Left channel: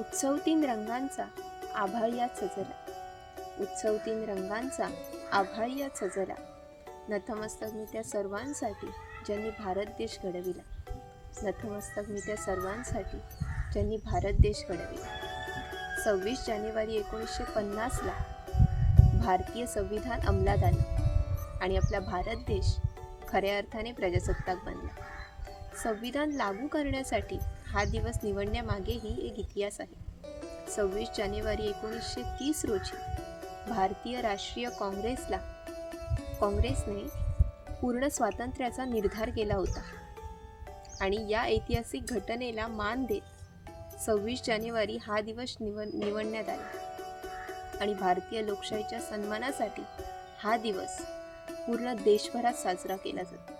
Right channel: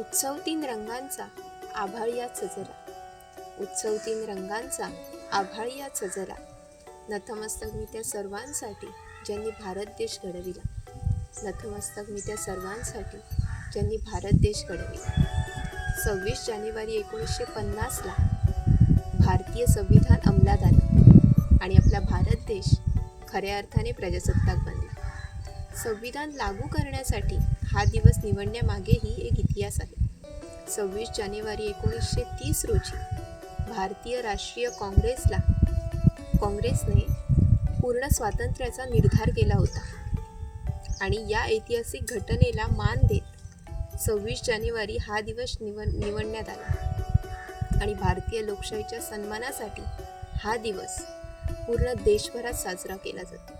उत्सव तीन रंगांचा आभाळीयात सजला, उत्सव तीन रंगांचा आभाळीयात सजला. नतमस्तक मी त्या सर्वांसाठी ज्यांनी भारत देश घडविला, नतमस्तक मी त्या सर्वांसाठी ज्यांनी भारत देश घडविला. 26 जानेवारी 1950ला भारतीय संविधान अंमलात आले आणि आपला भारत देश खऱ्या अर्थाने प्रजासत्ताक बनला. संविधान लागू करण्यासाठी हा दिवस निवडण्यामागेही एक इतिहास आहे. 26 जानेवारी 1930 रोजी भारतीय राष्ट्रीय काँग्रेसने पूर्ण स्वातंत्र्याचा निर्धार केला होता आणि या ऐतिहासिक घटनेला मान देत 26 जानेवारी हा दिवस निवडण्यात आला आणि भारतीय लोकशाहीच्या सन्मानासाठी हा दिवस पूर्ण देशभरात साजरा केला जातो.